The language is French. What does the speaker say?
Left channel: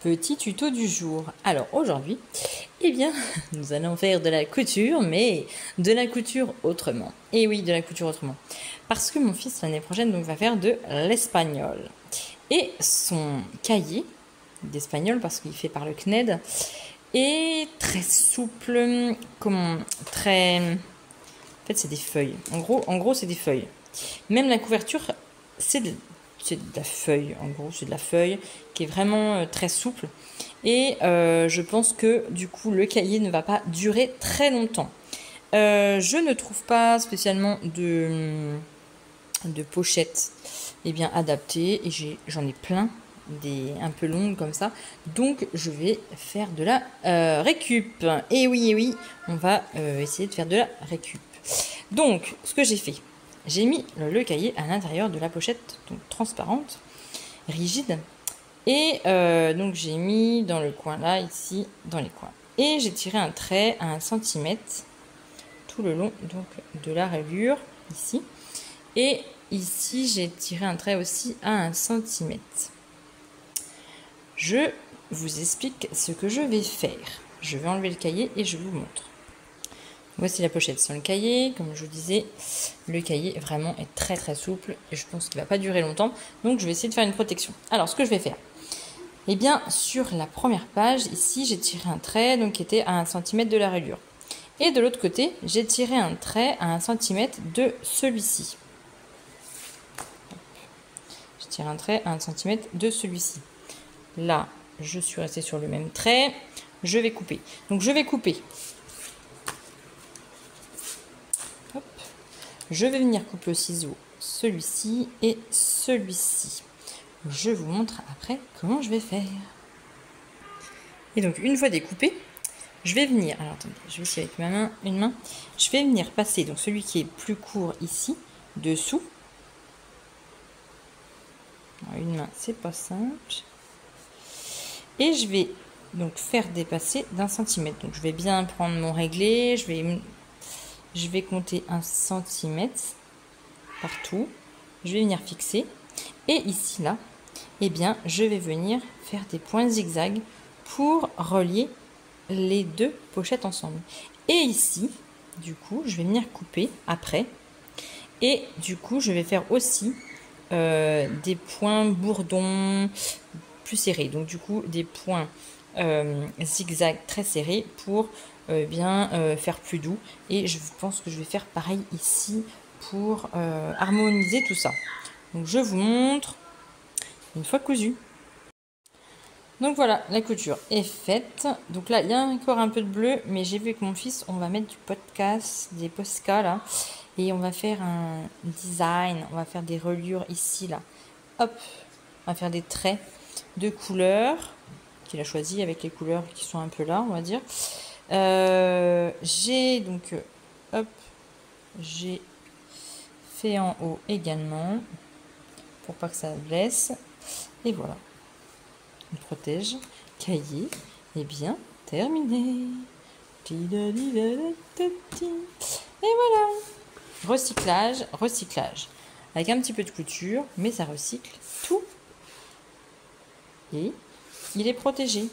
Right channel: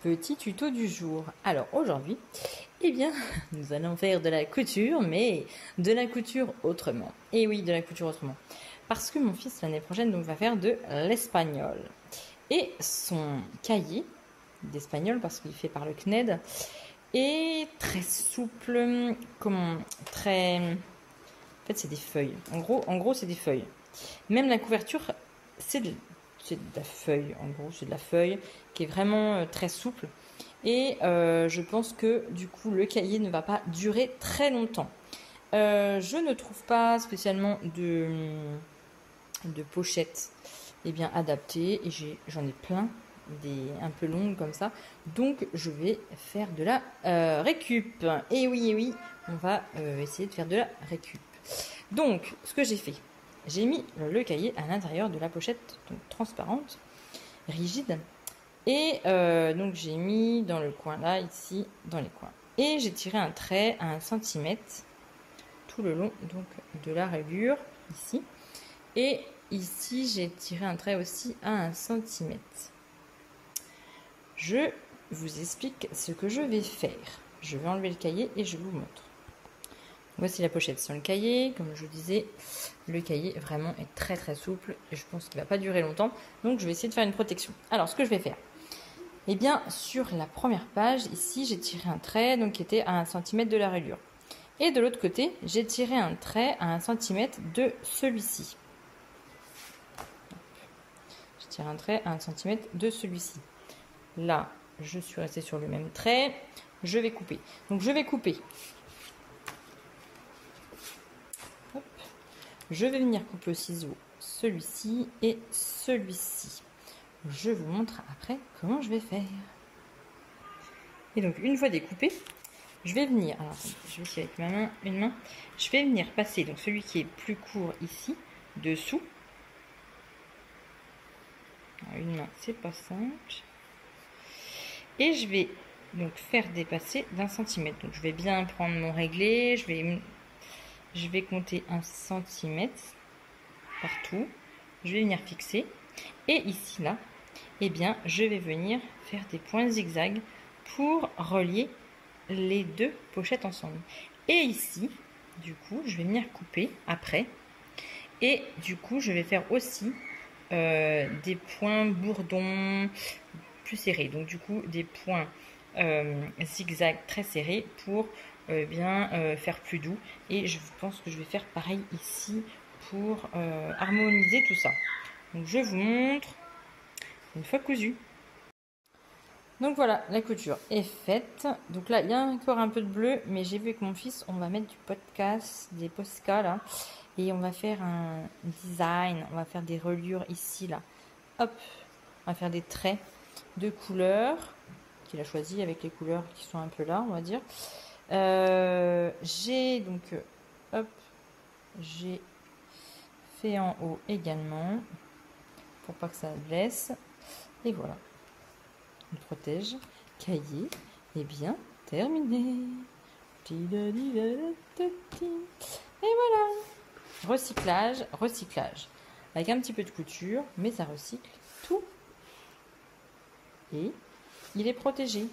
Petit tuto du jour. Alors aujourd'hui, eh bien, nous allons faire de la couture, mais de la couture autrement. Et oui, de la couture autrement. Parce que mon fils, l'année prochaine, donc, va faire de l'espagnol. Et son cahier d'espagnol, parce qu'il fait par le CNED, est très souple, très... En fait, c'est des feuilles. En gros, c'est des feuilles. Même la couverture, c'est de la feuille, en gros, c'est de la feuille qui est vraiment très souple. Et je pense que du coup, le cahier ne va pas durer très longtemps. Je ne trouve pas spécialement de pochettes bien adaptées. Et j'en ai plein, un peu longues comme ça. Donc, je vais faire de la récup. Et oui, on va essayer de faire de la récup. Donc, ce que j'ai fait, j'ai mis le cahier à l'intérieur de la pochette, donc transparente, rigide. Et donc j'ai mis dans le coin là, ici, dans les coins. Et j'ai tiré un trait à 1 cm tout le long donc, de la rayure, ici. Et ici, j'ai tiré un trait aussi à 1 cm. Je vous explique ce que je vais faire. Je vais enlever le cahier et je vous montre. Voici la pochette sans le cahier. Comme je vous disais, le cahier vraiment est très souple et je pense qu'il ne va pas durer longtemps. Donc je vais essayer de faire une protection. Alors ce que je vais faire, eh bien sur la première page, ici j'ai tiré un trait donc, qui était à 1 cm de la rayure. Et de l'autre côté, j'ai tiré un trait à 1 cm de celui-ci. Je tire un trait à 1 cm de celui-ci. Là, je suis restée sur le même trait. Je vais couper. Donc je vais couper. Je vais venir couper au ciseau celui-ci et celui-ci. Je vous montre après comment je vais faire. Et donc, une fois découpé, je vais venir... Alors, attendez, je vais essayer avec une main. Je vais venir passer donc celui qui est plus court ici, dessous. Alors, une main, c'est pas simple. Et je vais donc faire dépasser d'1 cm. Donc, je vais bien prendre mon réglé. Je vais compter 1 cm partout. Je vais venir fixer. Et ici, là, eh bien, je vais venir faire des points zigzag pour relier les deux pochettes ensemble. Et ici, du coup, je vais venir couper après. Et du coup, je vais faire aussi des points bourdons plus serrés. Donc, du coup, des points zigzag très serrés pour faire plus doux. Et je pense que je vais faire pareil ici pour harmoniser tout ça. Donc, je vous montre une fois cousu. Donc voilà, la couture est faite. Donc là, il y a encore un peu de bleu, mais j'ai vu que mon fils, on va mettre du podcast, des Posca là, et on va faire un design, on va faire des reliures ici là. Hop, on va faire des traits de couleurs qu'il a choisi avec les couleurs qui sont un peu là, on va dire. J'ai donc, hop, j'ai fait en haut également pour pas que ça blesse. Et voilà. On protège, cahier, et bien terminé. Et voilà. Recyclage. Avec un petit peu de couture, mais ça recycle tout. Et il est protégé.